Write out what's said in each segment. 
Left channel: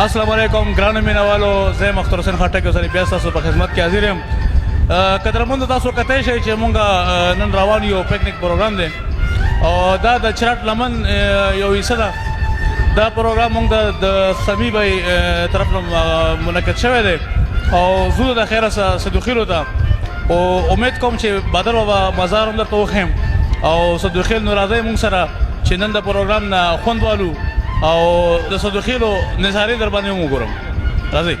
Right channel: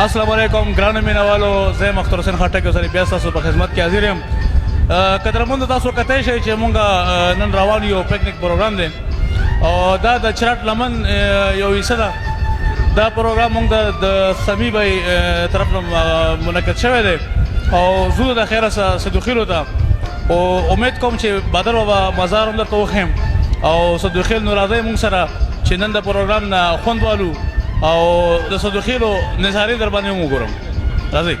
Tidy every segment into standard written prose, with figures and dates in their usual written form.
السلام علیکم ګرانو مینوالو، زه مختار حسین خټک اوسنی بیا ستاسو په خدمت کې حاضر یم. قدرمنو تاسو کتای شئ چې مونږ نن روان یو پکنیک پروګرام دی او دا د چراټ لمن یو حصه ده. دا پروګرام مونږ د سمی بای طرف نه منعقد شوی دی او زه د خیره صدوخیلو ته او امید کوم چې بدر بابا مزار هم درته وښیم او صدوخیل نو راځئ مونږ سره چې نن د پروګرام نه خوند والو او د صدوخیلو نظارې در باندې هم وګورم. راځئ.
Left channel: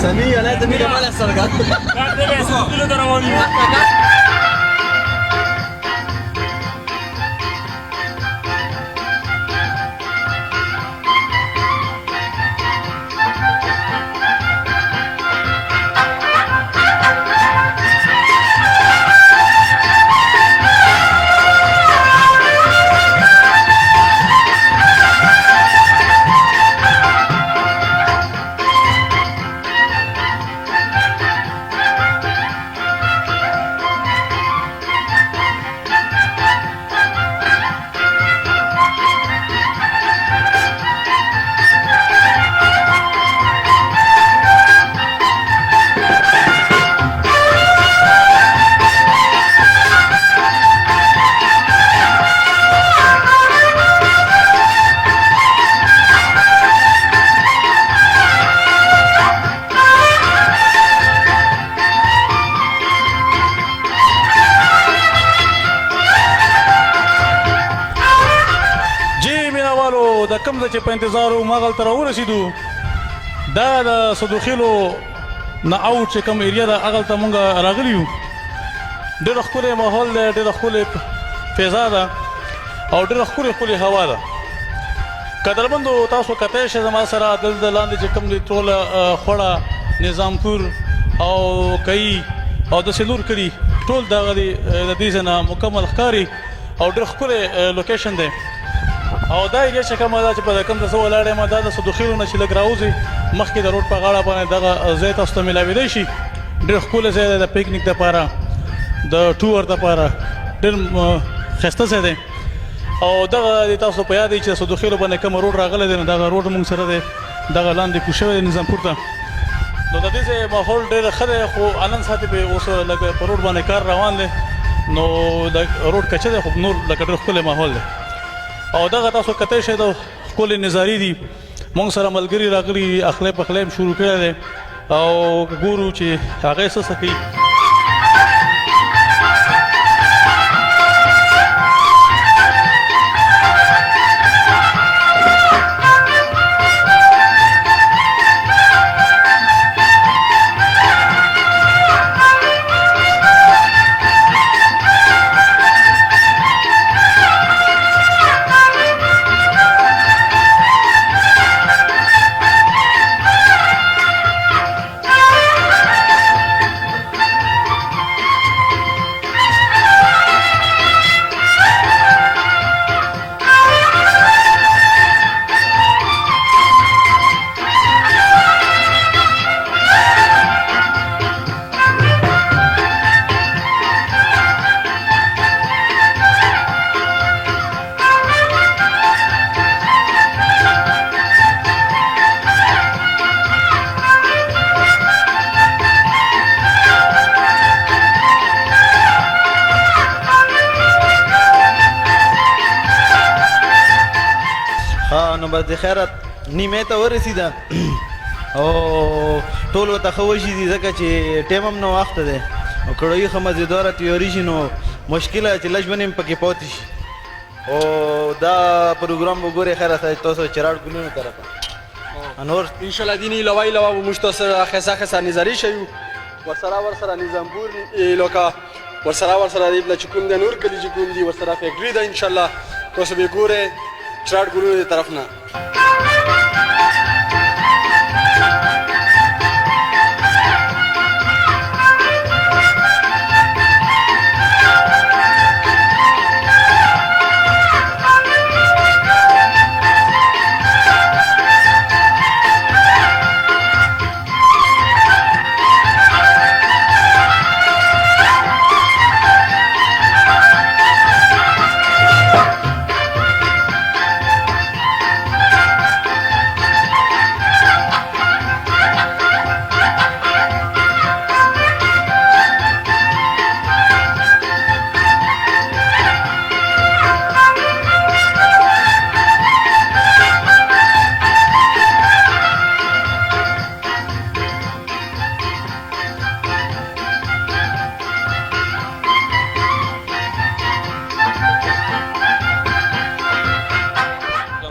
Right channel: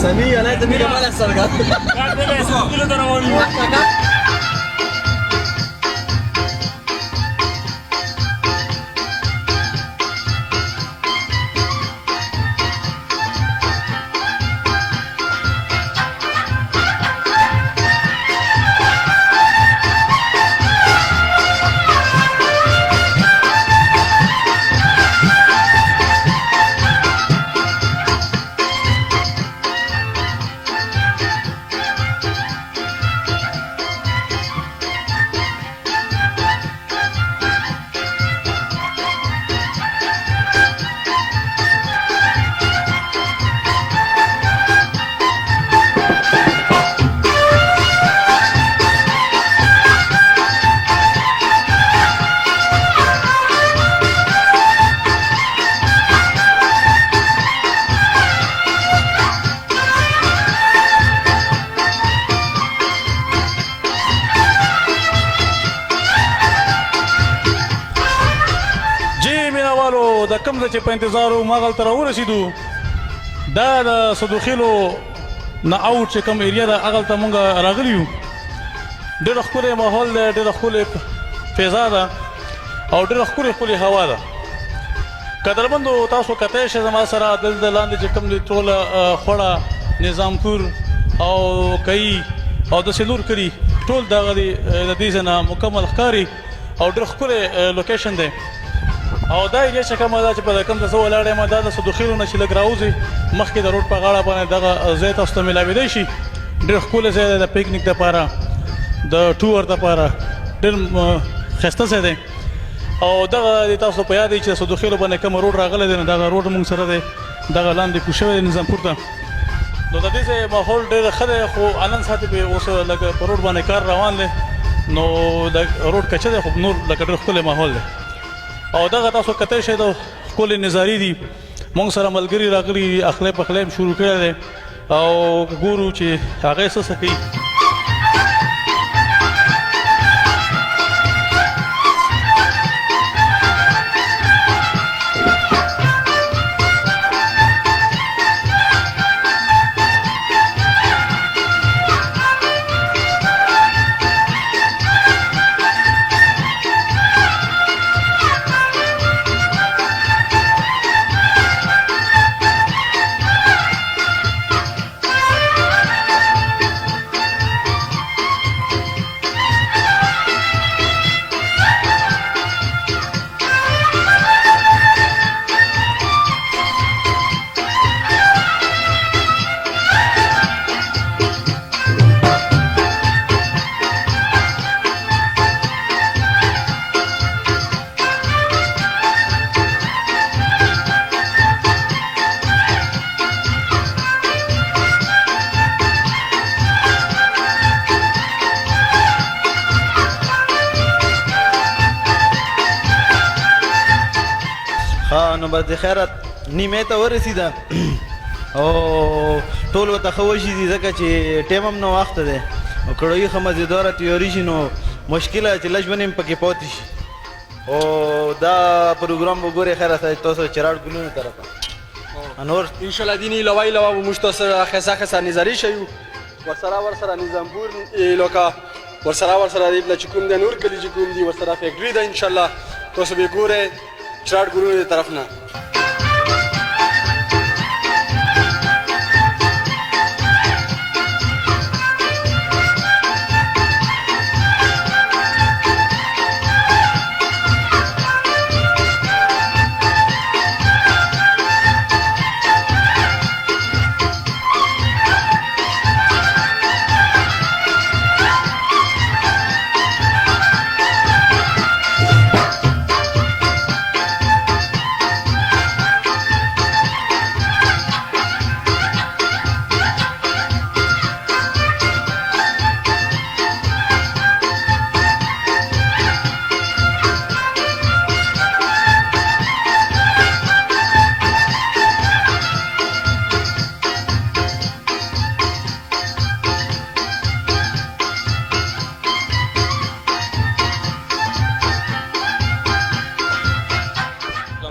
سمي انا ده مين مال السرقات قاعد بس كله درواني کوم ځای چې په انتظار وو هغلته راورسېدو. دا د صدوخیلو نه اوټ چې کوم ایریا ده هغلته مونږ راغلي یو. ډېره ښکلی ماحول دی، ډېره ښکلې فضا ده او ډېره ښکلې هوا ده. قدرمندو تاسو کتلی شئ زما سره دلته لاندې چې کوم دی ټوله خوړه، نظامپور او کئي او داسې نور کلي ټول دغه دی د دې ځای نه مکمل ښکاري او ډېر ښکلی لوکیشن دی. او دا ایریا چې کومه ده چې په کوم ځای زه ولاړ یم دا د صدوخیلو نه چې لږ راوځي مخکې د روډ په غاړه باندې دغه ځای تاسو ته میلاویدی شي. ډېر ښکلی ځای دی د پکنیک دپاره، د ټور دپاره ډېر ښایسته ځای دی. او دغه تاسو په یاد دی چې صدوخیلو باندې کوم روډ راغلی دی نو دغه روډ موږ سره دی دغه لاندې کوز شوی دی نظامپور ته. نو د دې ځای ماحول ډېر ښه دی خو نن ساعت به اوس لږ په روډ باندې کار روان دی نو د روډ کچه دی خو نور لکه ډېر ښکلی ماحول دی. او دغه تاسو کتلی شئ د ښکلې نظارې دي. موږ سره ملګري راغلي اخلی پخلی هم شروع کړی دی او ګورو چې هغه یې څه کوي. نو بس د خیرت نیمې ته ورسېده او ټول ورته ښه وشي دي ځکه چې ټایم هم نه وخته دی او کړوي ښه مزېداره تیاري شي نو مشکله چې لږ ونیم پکې پاتې شي. او دا پروګرام به ګورې خیره تاسو چراډ ګلونو طرفه نور انشاءالله دینی علاوه علاوه به موږ تاسو سره ښایسته نظارې شوي ورسره نظامپور علاقه ورسره چې کوم دی نور کلي چې کوم دي ورسره فیکټري ده انشاءالله تاسو به ګورئ چراډ ګلونو طرف نه.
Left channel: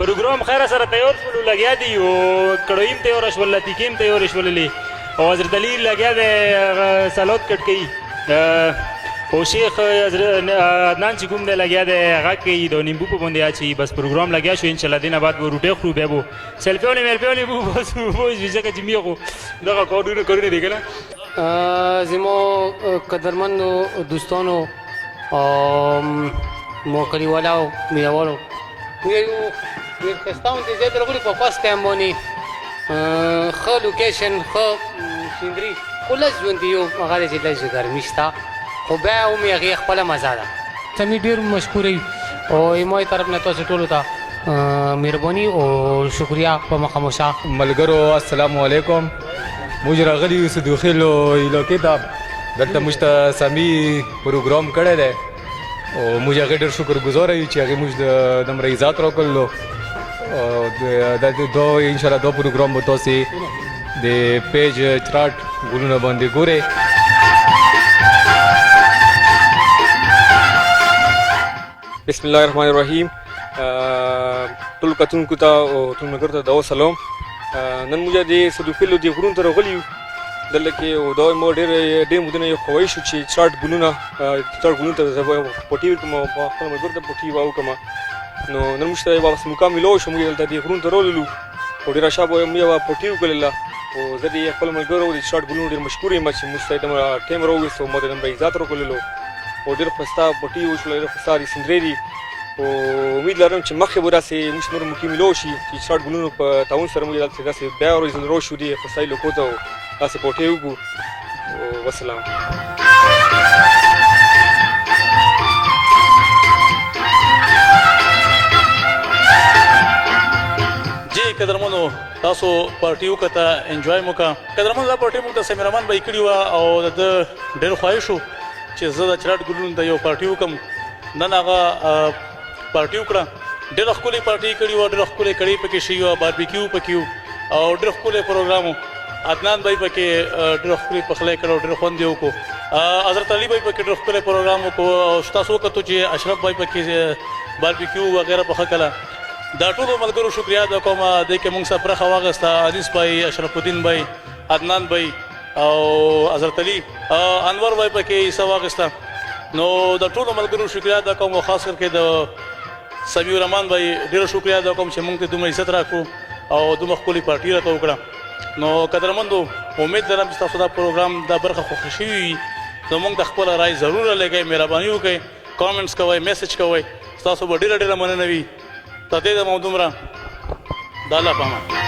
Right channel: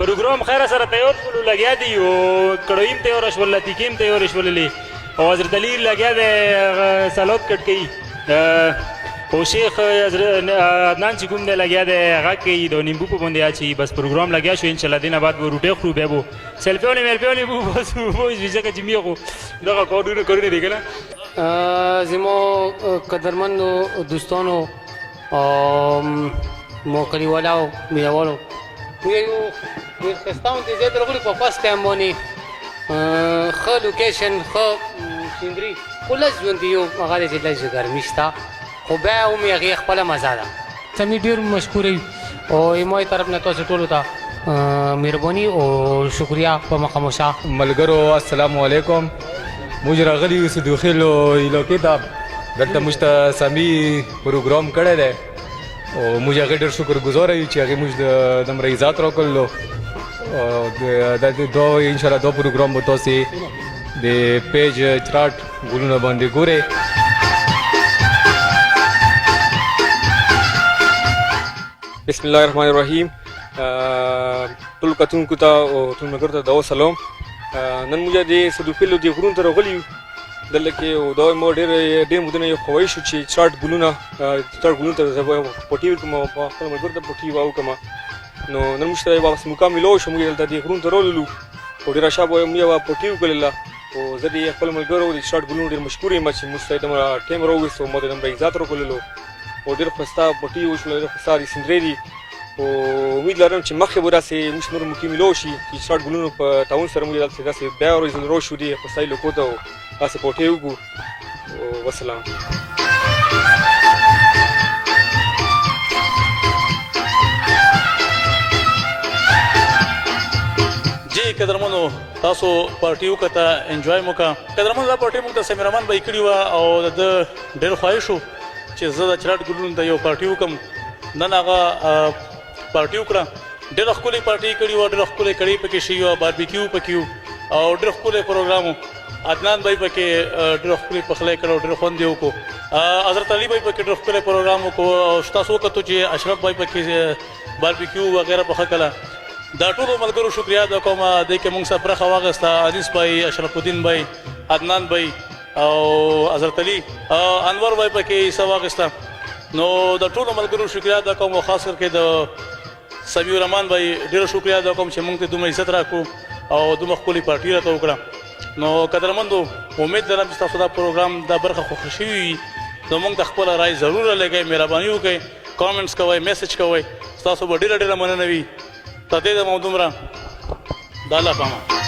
پروګرام خیر سره تیار شولو لګیا دی او کړویم تیار شول لتیکیم تیار شوللی او حضرت علی لګیا دی سلوت کټ کوي او شیخ عدنان چې کوم دی لګیا دی هغه کوي د نیمبو په باندې اچوي بس پروګرام لګیا شو انشاءالله دې نه بعد به روټۍ خورو بیا به سیلفیونې میلفیونې به بس وایي ځکه چې مې خو دغه کارونه دی که نه. زمو قدرمندو دوستانو مو کلیوالو مینهوالو موږ یو ډېر ښایسته غوندې ځای ته راغلي په فسټ ټایم باندې ښه لوکیشن ښه سینري خو لږ ژوند یو هغه دی چې لږ ګرمي شته خو بیا هم هغې خپله مزه ده. سمې ډېر مشکوره یو او زما طرف نه تاسو ټولو ته مهرباني او شکریه په مخامشه. ملګرو السلام علیکم. موږ راغلي یو صدوخیلو علاقې ته دلته موږ ته سامي پروګرام کړی دی او موږ هغې ډېر شکرګزاره یو چې هغې موږ دومره عزت راکړلو. انشاءالله دا پروګرام به تاسې د پیج چراټ ګلونه باندې ګورئ. بسم الله الرحمن الرحیم. ټول کتونکو ته او ټول ملګرو ته د وسلام. نن موږ د صدوخیلو د غرونو ته راغلي یو. دلته کې او دا مو ډېر مودونه یو خوښ شو چې چارټ ګلونه ته زه پټي وکړم او خپل ملګرو ته پټي واوکم. نو نن موږ ته واپس مقام ملو شو. موږ دلته د غرونو ته راغلو او ډېره ښه به موږ یوه پټي وکړله او زه د خپل ملګرو د چارټ ګلونو ډېر مشکور یم چې موږ ته دومره ټایم راوویست او ما ته دومره عزت راکړلو او ډېر ښایسته پټي وشول، ډېر ښایسته د سندرې دي او امید لرم چې مخکې به داسې موږ نور مقیم ملو شي چې چارټ ګلونو په تعاون سره موږ داسې بیا راشو دي ښایسته لوکو ته داسې پټۍ وکړو. وسلام. جی قدرمنو تاسو پارټي وکړه، انجوای مو وکړه. قدرمنو دا پارټي موږ ته سمیر رحمان بھائی کړې وه او د ډېر خواهش و چې زه د چراټ ګلونو ته یو پارټي وکړم. نن هغه پارټي وکړه. ډېره ښکلې پارټي کړې وه، ډېره ښکلې کړۍ پکې شوي وه، باربیکیو پکې و او ډېر ښکلی پروګرام و. عدنان بھائی پکې ډېر ښکلی پخلی کړی او ډېر خوند یې وکړو. حضرت علي بھائی پکې ډېر ښکلی پروګرام وکړو او تاسو وکتو چې اشرف بھائی پکې باربیکیو وغیره پخه کړه. دا ټولو ملګرو شکریا ادا کوم. دې کې موږ سره برخه واخیسته انیس بھائی، اشرف الدین بھائی، عدنان بھائی او حضرت علي، انور بھائی پکې حصه واخیسته. نو د ټولو ملګرو شکریا ادا کوم او خاص کر کې د سمیع الرحمن بھائی ډېره شکریا ادا کوم چې موږ ته دومره عزت راکړو او دومره ښکلې پارټي راته وکړه. نو قدرمندو امید لرم چې تاسو دا پروګرام دا برخه خوښه شوي وي. نو موږ ته خپله رای ضرور لګئ، مهرباني وکئ، کامنټس کوئ، میسج کوئ. ستاسو به ډېره ډېره مننه وي. تر دې دمه دومره د الله په امان.